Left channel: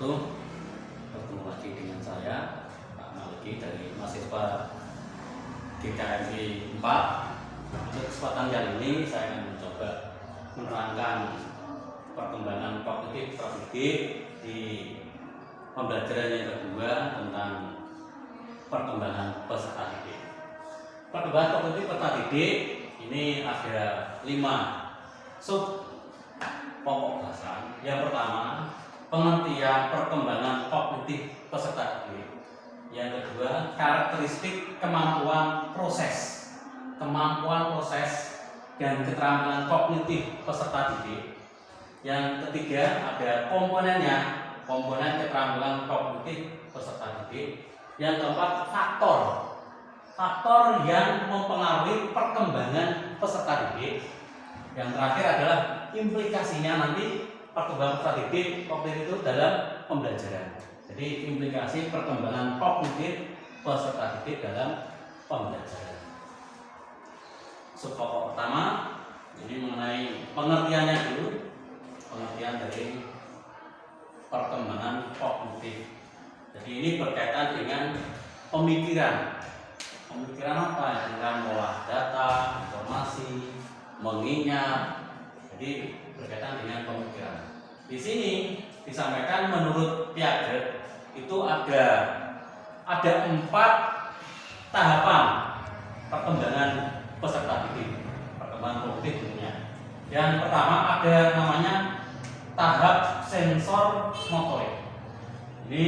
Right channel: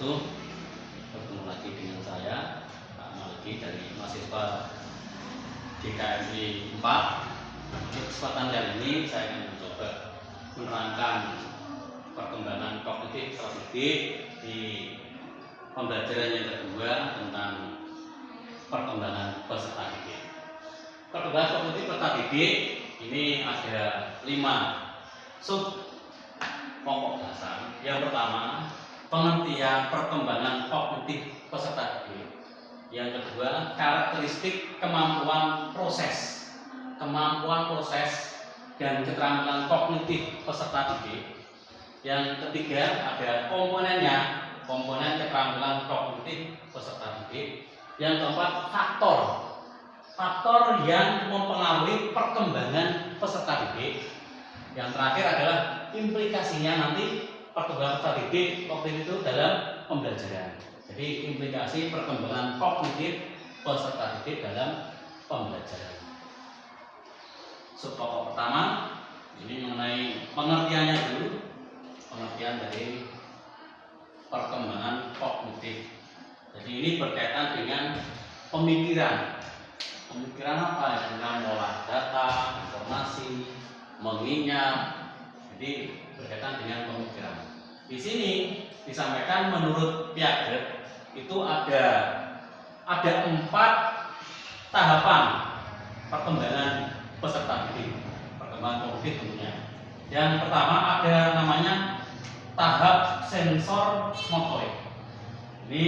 wabarakatuh. Bertemu lagi dengan saya Pak Maliki dari mahasiswa GKMI 4. Untuk kesempatan kali ini saya akan mencoba menerangkan perkembangan kognitif terdidik di pembelajaran yang kedua tentang perkembangan peserta didik. Perkembangan kognitif peserta didik ini ada 5 sub pokok dasar. Yang pertama, pengertian perkembangan kognitif peserta didik. Yang kedua, karakteristik kemampuan proses dan keterampilan kognitif peserta didik. Yang ketiga, ada komponen keterampilan kognitif peserta didik. Yang keempat, faktor yang mempengaruhi perkembangan peserta didik. Yang terakhir adalah implikasinya nanti perkembangan peserta didik kognitif itu dalam pembelajaran. Jadi implikasi perkembangan kognitif peserta didik dalam pembelajaran. Subpokok pertama ini mengenai pengertiannya dulu. Pengertian dari perkembangan kognitif. Jadi ini berkaitan dengan pemikiran. Pemikiran apa? Yang mengolah data, informasi, mengingat. Jadi berkaitan dengan pemikiran. Di sini disampaikan menurut Piaget itu ada 4 tahapan perkembangan peserta didik, perkembangan kognitif tentunya. Yang pertama ada namanya tahap sensor motorik. Ini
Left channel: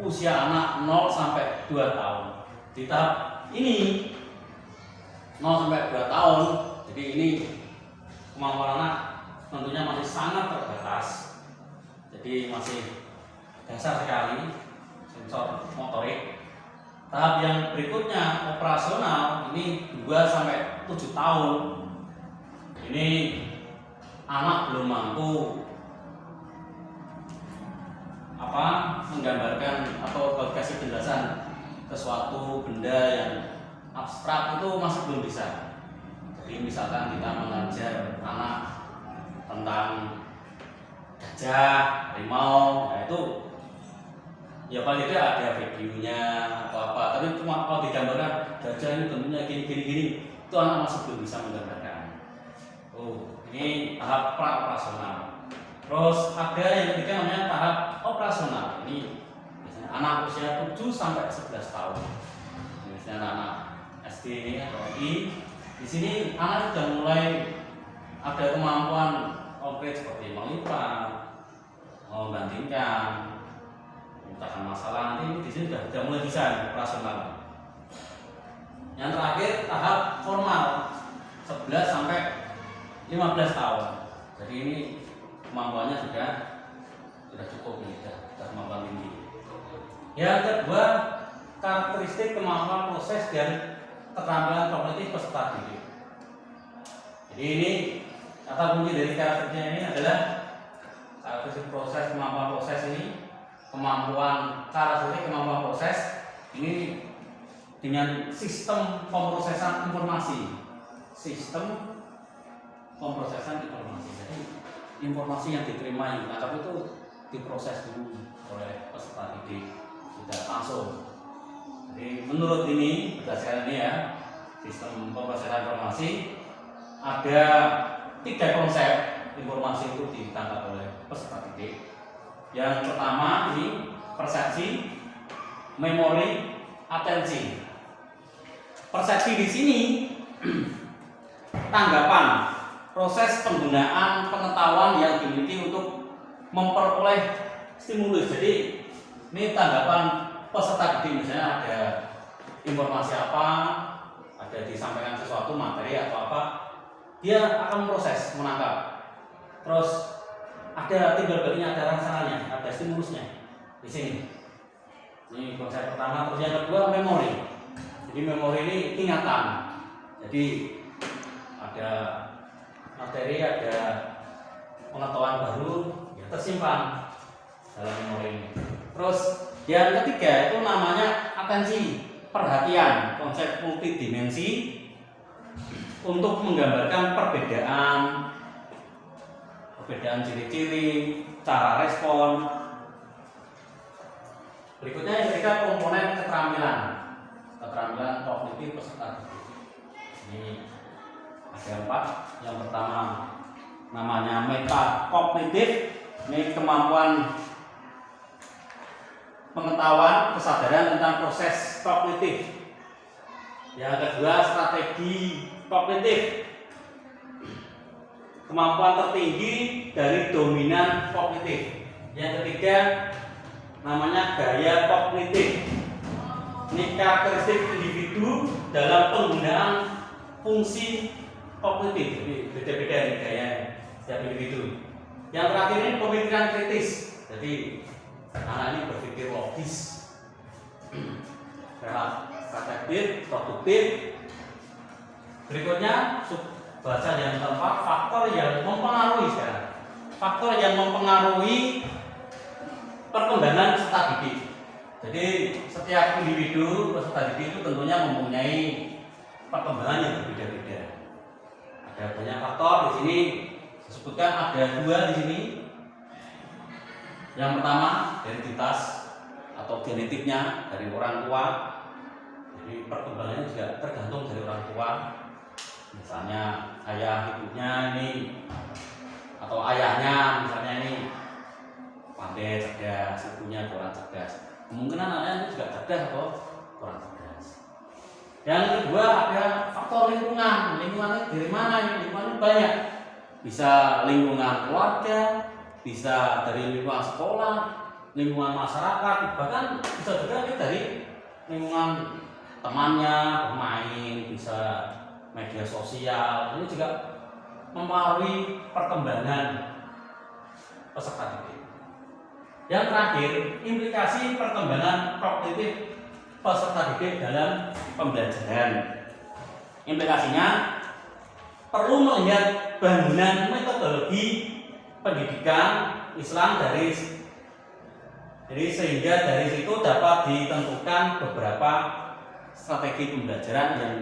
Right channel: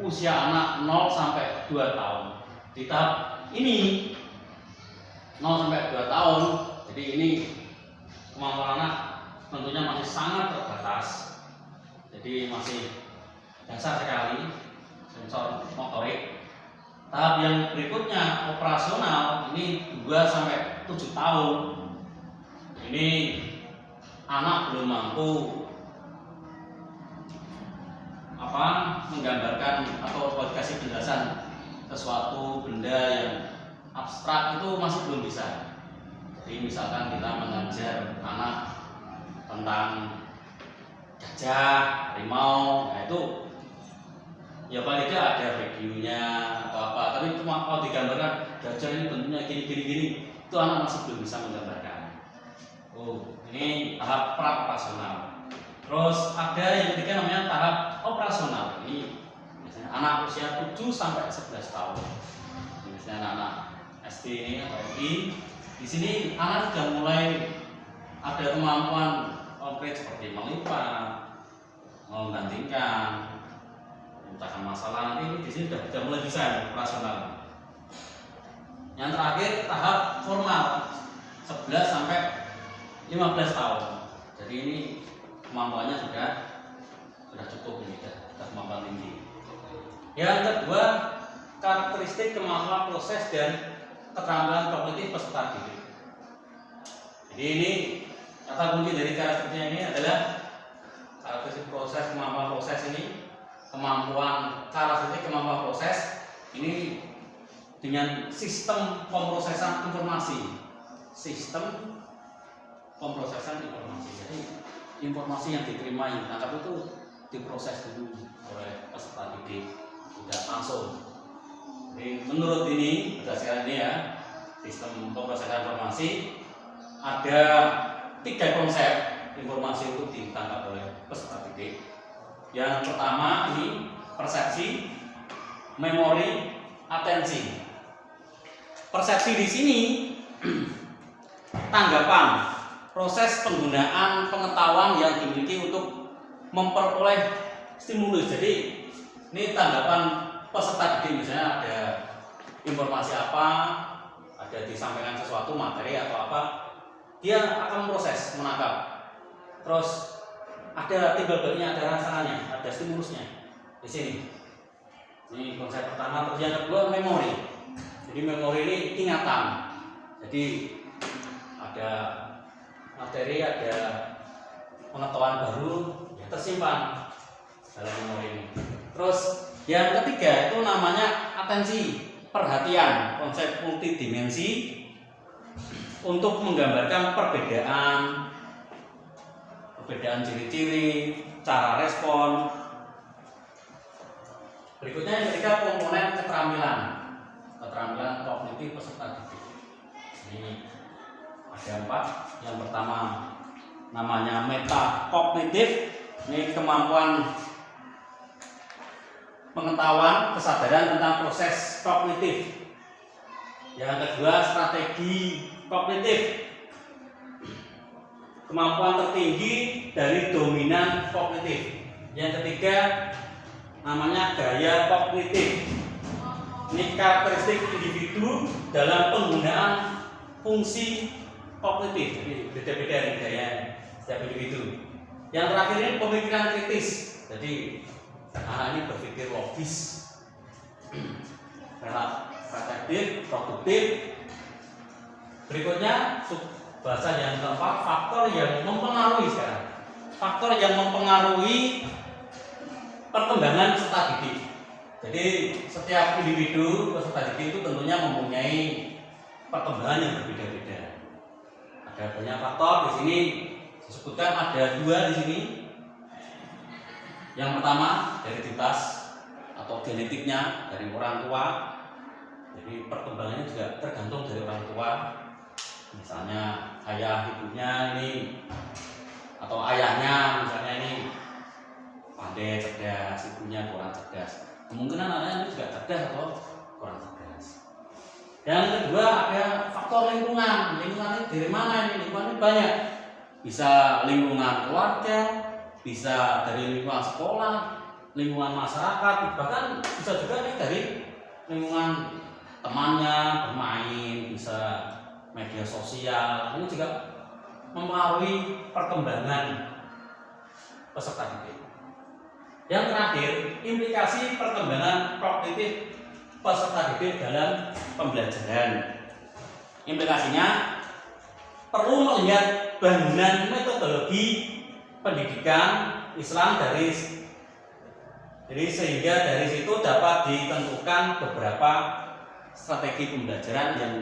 usia anak 0 sampai 2 tahun. Di tahap ini 0 sampai 2 tahun, jadi ini kemampuan anak tentunya masih sangat terbatas. Jadi masih dasar sekali sensor motorik. Tahap yang berikutnya operasional ini 2 sampai 7 tahun. Ini anak belum mampu menggambarkan atau kasih penjelasan sesuatu benda yang abstrak, itu masih belum bisa. Jadi misalkan kita mengajar anak tentang gajah, harimau, nah itu ya paling tidak ada videonya atau apa, tapi cuma kalau digambarkan gajah ini bentuknya gini, itu anak masih belum bisa menggambarkan. Ini tahap pra-operasional. Terus ada yang ketiga namanya tahap operasional. Ini misalnya anak usia 7 sampai 11 tahun. Misalnya anak SD atau I. Di sini anak sudah mulai ada kemampuan konkret seperti melipat, membandingkan, memecahkan masalah. Nanti di sini sudah mulai bisa operasional. Yang terakhir tahap formal 11 sampai 15 tahun. Jadi ini kemampuannya sudah cukup, ini sudah kemampuan tinggi. Yang kedua, karakteristik kemampuan proses dan keterampilan kognitif peserta didik. Jadi ini kata kunci dari karakteristiknya ini adalah karakteristik proses, kemampuan proses ini, karakteristik kemampuan proses ini dengan sistem pemrosesan informasi. Jadi informasi yang diterima, yang ditangkap itu diproses dulu oleh peserta didik, tidak langsung. Jadi menurut ini, berdasarkan ini ya, sistem pemrosesan informasi, ada 3 konsep informasi itu ditangkap oleh peserta didik. Yang pertama ini persepsi, memori, atensi. Persepsi di sini tanggapan, proses penggunaan pengetahuan yang dimiliki untuk memperoleh stimulus. Jadi ini tanggapan peserta didik, misalnya ada informasi apa, ada disampaikan sesuatu materi atau apa, dia akan memproses, menangkap. Terus ada timbal baliknya, ada rasanya, ada stimulusnya di sini. Ini konsep pertama. Terus yang kedua memori. Jadi memori ini ingatan. Jadi ada materi, ada pengetahuan baru, ya tersimpan dalam memori ini. Terus yang ketiga itu namanya atensi, perhatian, konsep multidimensi untuk menggambarkan perbedaan ciri-ciri, cara respon, Berikutnya yang ketiga, komponen keterampilan kognitif peserta didik. Ini ada 4. Yang pertama namanya metakognitif. Ini kemampuan pengetahuan, kesadaran tentang proses kognitif. Yang kedua, strategi kognitif, kemampuan tertinggi dari dominan kognitif. Yang ketiga namanya gaya kognitif. Ini karakteristik individu dalam penggunaan fungsi kognitif. Jadi beda-beda nih gaya setiap individu. Yang terakhir ini pemikiran kritis. Jadi anak ini berpikir logis, reflektif, produktif. Berikutnya bahasa yang keempat, faktor yang mempengaruhi sekarang. Faktor yang mempengaruhi perkembangan peserta didik. Jadi setiap individu peserta didik itu tentunya mempunyai perkembangan yang berbeda-beda. Ada banyak faktor di sini. Disebutkan ada 2 di sini. Yang pertama hereditas atau genetiknya dari orang tua. Jadi perkembangannya juga tergantung dari orang tua. Misalnya ayah ibunya ini atau ayahnya misalnya ini pandai, cerdas, ibunya kurang cerdas. Kemungkinan anaknya juga cerdas atau kurang cerdas. Yang kedua ada faktor lingkungan. Lingkungannya dari mana ini? Lingkungannya banyak. Bisa lingkungan keluarga, bisa dari lingkungan sekolah, lingkungan masyarakat, bahkan bisa juga dari lingkungan temannya bermain, bisa media sosial. Ini juga mempengaruhi perkembangan peserta didik. Yang terakhir, implikasi perkembangan kognitif peserta didik dalam pembelajaran. Implikasinya perlu melihat bangunan metodologi pendidikan Islam jadi sehingga dari situ dapat ditentukan beberapa strategi pembelajaran yang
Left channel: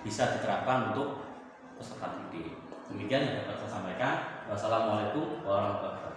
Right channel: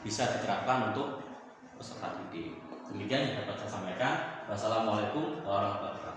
bisa diterapkan untuk peserta didik. Demikian yang dapat saya sampaikan. Wassalamualaikum warahmatullahi wabarakatuh.